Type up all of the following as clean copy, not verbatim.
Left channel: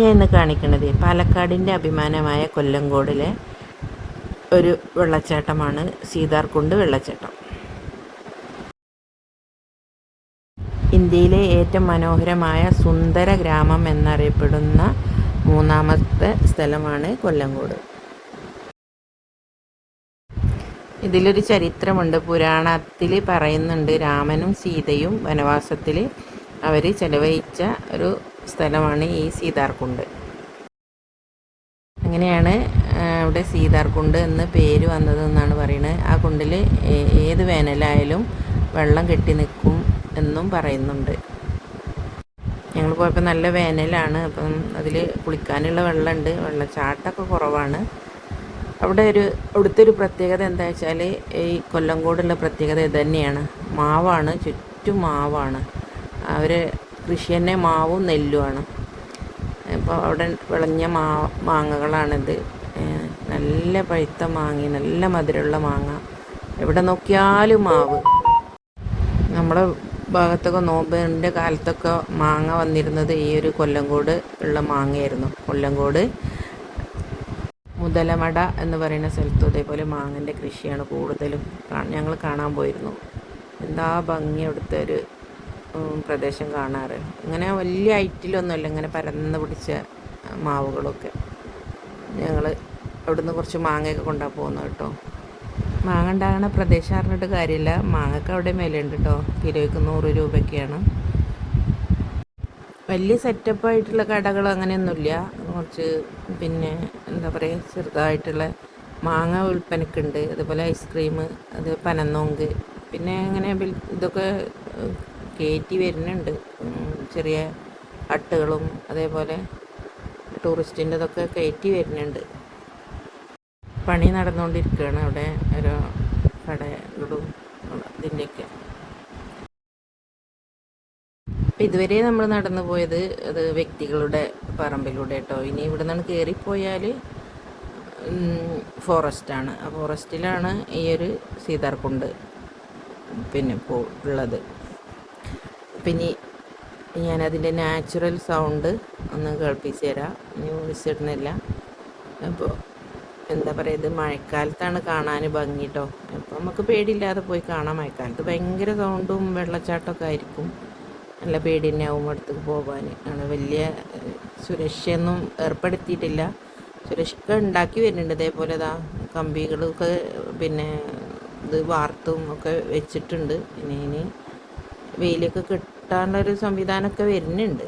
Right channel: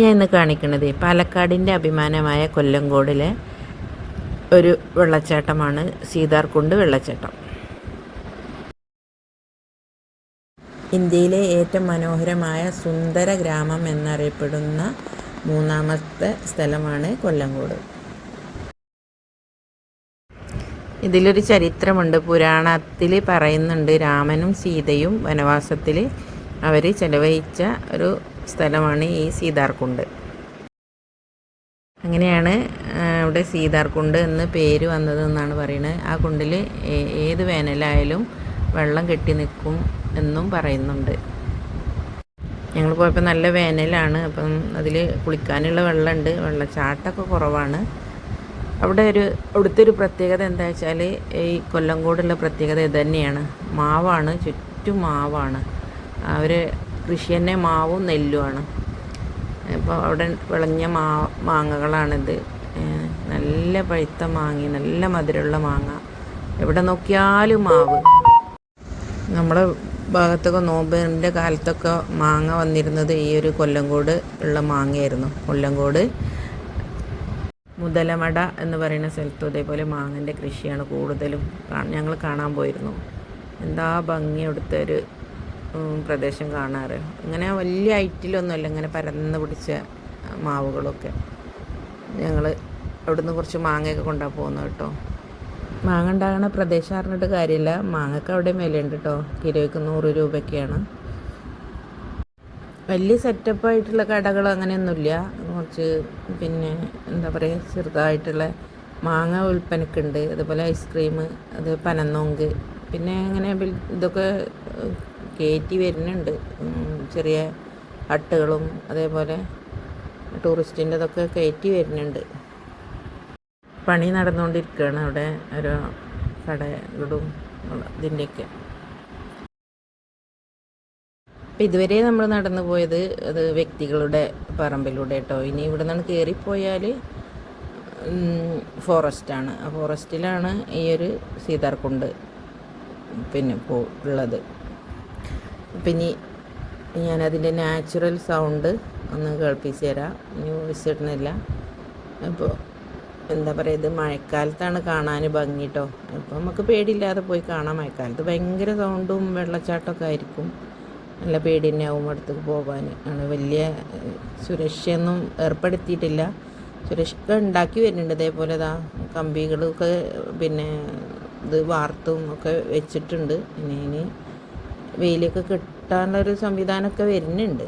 ഞാൻ ഇന്ന് കാണിക്കുന്നത് പാലക്കാടിൻ്റെ അഭിമാനമായ കൊല്ലങ്കോടിലെ ഒരു വെള്ളച്ചാട്ടമാണ് സീതാർകുണ്ട് വെള്ളച്ചാട്ടം. ഇന്ത്യയിലെ ഏറ്റവും മനോഹരമായ സുന്ദര ഗ്രാമം എന്നറിയപ്പെടുന്ന മൂന്നാമത്തെ സ്ഥലമാണ് കൊല്ലങ്കോട്. ഇതിലൊരു ചരിത്രമുണ്ട്. പുരാണത്തിൽ പറയുന്നുണ്ട്, രാമനും സീതയും വനവാസത്തിൽ അവർ ചെലവഴിച്ച ഒരു സ്ഥലമാണ് ഈ സീതാർകുണ്ട്. അങ്ങനെയാണ് ഇവിടെ സീതാർകുണ്ട് എന്ന് പേര് വന്നതെന്നാണ് പറയുന്നത്. ആ കുണ്ടിൽ ഏത് വേനലായാലും വെള്ളം കെട്ടി നിൽക്കും എന്നും പറയുന്നുണ്ട്. ഞങ്ങൾ പോയപ്പോൾ നല്ല വേനലാണ്. അപ്പം അതിൽ കുളിക്കാനുള്ള വെള്ളമുണ്ട്. വെള്ളച്ചാട്ടമൊക്കെ കുറവാണ്. അവിടുത്തെ ഒരു പ്രത്യേകത എന്താ വെച്ചാൽ, ഈ കൊല്ലങ്കോടുള്ള പ്രത്യേകത ഇത് തന്നെയാണ്. മാവാണ്, ചുറ്റും മാവാണ്. അവർ കൃഷി തന്നെ മാവും നെല്ലുമാണ്. അപ്പോൾ അവിടെ വിളഞ്ഞ മാങ്ങകളാണിത്. നല്ല പഴുത്ത മാങ്ങ, നല്ല മധുരമുള്ള മാങ്ങ. എവിടെ നോക്കിയാലും മാവ്. നമ്മുടെ ഭാഗത്തൊക്കെ നോമ്പിൻ്റെ കാലത്തൊക്കെ മാങ്ങ വന്നിരുന്നത് ഈ ഒരു കൊല്ലങ്കോട് ഉള്ള മാങ്ങയായിരുന്നു. കൊല്ലങ്കോട് മുതലമട എന്ന് പറയുന്ന സ്ഥലത്തും അതേപോലെ മാങ്ങൻ്റെ കൃഷിയാണ് കൂടുതലും ഞങ്ങൾ കാണാൻ പോയിരുന്നു. എന്താ ഭംഗി അവിടുത്തെ ഒരു പ്രദേശം കാണാറ്. അങ്ങനെ വലിയ ഹൈറ്റിലൊന്നുമല്ല, ഇങ്ങനെ പരന്ന് പിടിച്ച മാവുകളൊക്കെ. ഞങ്ങൾ അവിടുന്ന് കുറച്ച് മാങ്ങയൊക്കെ കൊണ്ടാണ് പോകുന്നത് കേട്ടോ. മാങ്ങ ഉണ്ടാകുന്ന പ്രദേശം അറിഞ്ഞിട്ട് കാര്യമില്ല, മാങ്ങക്ക് അവിടെ വിലയുണ്ട് കേട്ടോ. കിലോയ്ക്ക് 100 രൂപയൊക്കെയാണ്. വലിയ സെറ്റപ്പായിട്ടുള്ള കടകൾ അങ്ങനെയൊന്നുമില്ല. കുറച്ച് എന്താ പറയുക, ചെറുതായിട്ടുള്ള മാങ്ങ വിൽപ്പനക്കുണ്ട്. അതുപോലെ ഐസ്ക്രീം, അത് പനന്നോങ്ക്, പിന്നെ അങ്ങനെ ഇതൊക്കെ കയറ്റി വരുന്നുണ്ട്. ചെറിയ ഹട്ടുകളും അതേപോലെ ടൂറിസ്റ്റിൻ്റെ ഇതൊക്കെ കയറ്റി വരുന്നുണ്ട്. പണി നടന്നുകൊണ്ടിരിക്കുകയാണ് അവിടെ, ഓരോ കടകളും ഇതിൻ്റെയൊക്കെ. അപ്പം ഇതുവരെ നമ്മൾ നടന്നു പോയത് അത് വ്യക്തികളുടെ പറമ്പിലൂടെ കേട്ടോ. ഇനി ഇവിടെ നിന്നാണ് കയറിപ്പോയാൽ ഫോറസ്റ്റാണ്. ആ ഫോറസ്റ്റിലാണ് ഈ ഒരു സീതാർകുണ്ട് ഉള്ളത്. പിന്നെ ഞാനതിൻ്റെ നാച്ചുറൽ സൗണ്ട് ഒന്ന് കേൾപ്പിച്ച് തരാം. ഇനി വോയിസ് ഇടുന്നില്ല. അപ്പോൾ എന്താ പറയുക, ഇത് മഴക്കാലത്താണ് കാണാൻ ഭംഗി കേട്ടോ. അപ്പോൾ നമുക്ക് പേടിയില്ലാതെ പോയി കാണാം. മഴക്കാലത്ത് ഭയങ്കര സൗണ്ടും വെള്ളച്ചാട്ടമൊക്കെ ആയിരിക്കും. നല്ല പേടി തന്നെ ആവും അടുത്തേക്ക് പോകാൻ. ആണ് വലിയ സുരക്ഷയൊന്നും ഏർപ്പെടുത്തിയിട്ടില്ല. സുരക്ഷ ഉണ്ടാക്കി വരുന്നുണ്ട്. ഇതേപോലെ കമ്പികളൊക്കെ ഇത് വാർത്തും ഒക്കെ വെച്ചിട്ടുണ്ട്. ഇനി വെയിലൊക്കെ കിട്ടാനുള്ളൊരു സംവിധാനമൊക്കെ വരുന്നുണ്ട്.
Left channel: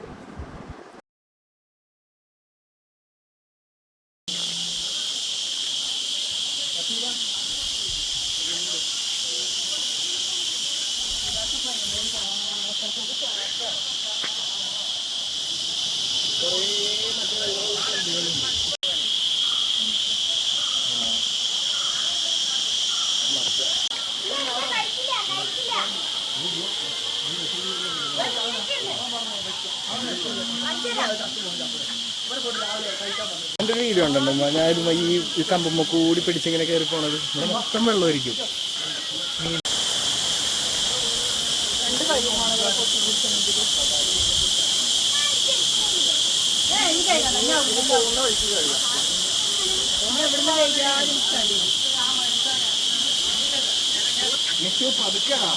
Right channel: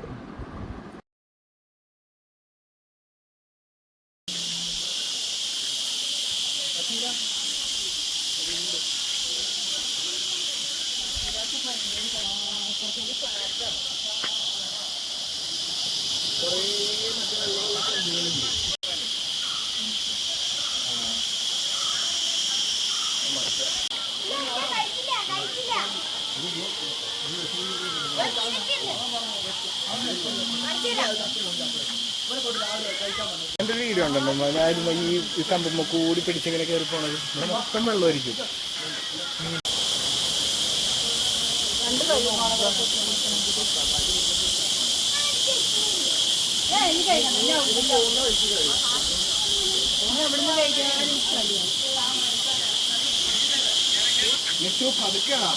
എൻ്റെ ഒരു വീഡിയോ ഉണ്ടല്ലോ, ഞാനും ഈ കമ്പുമ്മ കൂടി പിടിച്ചിങ്ങനെ കയറി പോണത്. മൊത്തം വെള്ളമായിരിക്കും. പതുക്കണം.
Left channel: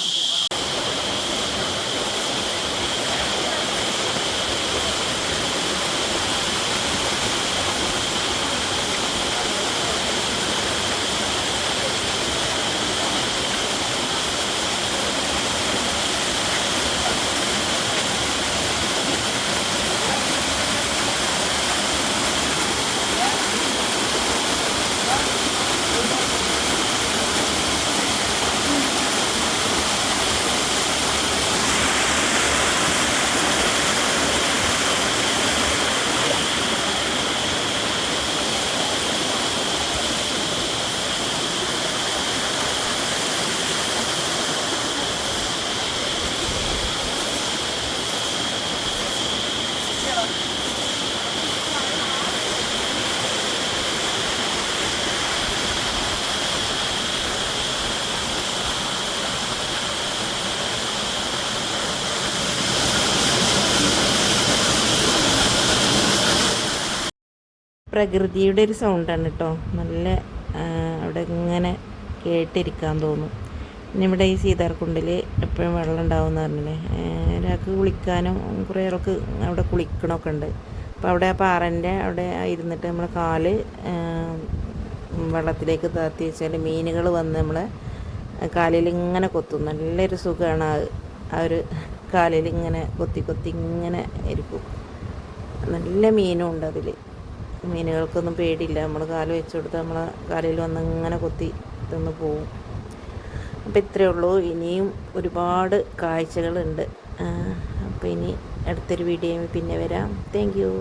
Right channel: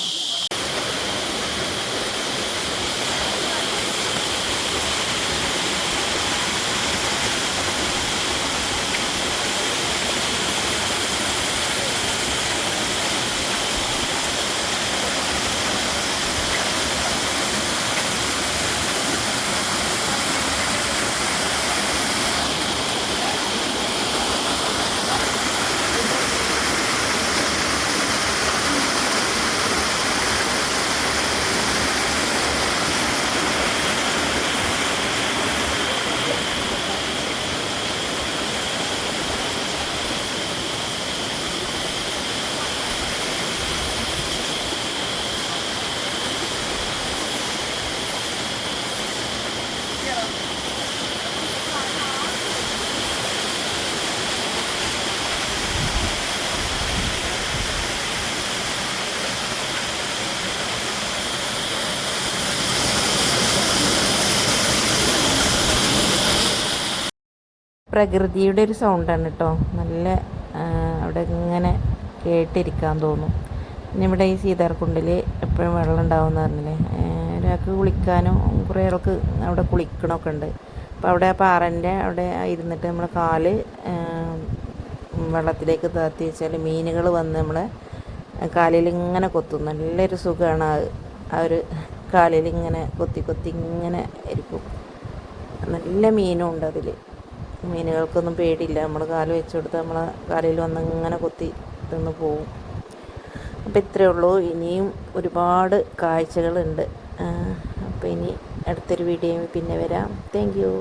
പ്രകൃതിയുടെ ഒരു സൗണ്ടാണ് കേട്ടോ. നല്ല അവിടെ ഇങ്ങനെ കേട്ടിരിക്കാൻ തോന്നും. പിന്നെ ഇവിടെ ഈ സീതാർകുണ്ടിൽ എപ്പോഴും വെള്ളം ഉണ്ടാവുമെന്ന് പറഞ്ഞില്ലേ. ഒരാൾക്ക് കുളിക്കാനും കുറേ ആൾക്ക് അവിടെ കുളിക്കണമൊക്കെ ഉണ്ട്. അപ്പോൾ അവിടെ ആ പാറൻ്റെ അവിടെ ഇരുന്നിട്ട് നമ്മളെ കാല് വെള്ളത്തിലേക്ക് താത്തി വെച്ചാൽ മീനുകൾ വന്ന് നമ്മളെ കാലിൽ ഇങ്ങനെ കൊത്തും. നല്ലൊരു സുഖമാണ് ആ ഒരു കാലിൽ ഇങ്ങനെ കൊത്തി കൊത്തി ഇങ്ങനെ ഇരിക്കും. നല്ല മീനും ഉണ്ട് അതിൽ. മീനുകൾക്കൊന്നും പേടിയില്ല. നമ്മൾ കാല് വെച്ച് കൊടുത്താൽ നമ്മളെ കാലിൽ വന്ന് ഇങ്ങനെ കൊത്തി തിന്ന് പോവും. അപ്പോൾ ഇത്രയേ ഉള്ളൂ. ഇനിയും ഒരുപാട് കാഴ്ചകളുണ്ട്. അപ്പോൾ ഇനി അടുത്തൊരു വീഡിയോ പിന്നെ വരാം. Thank you.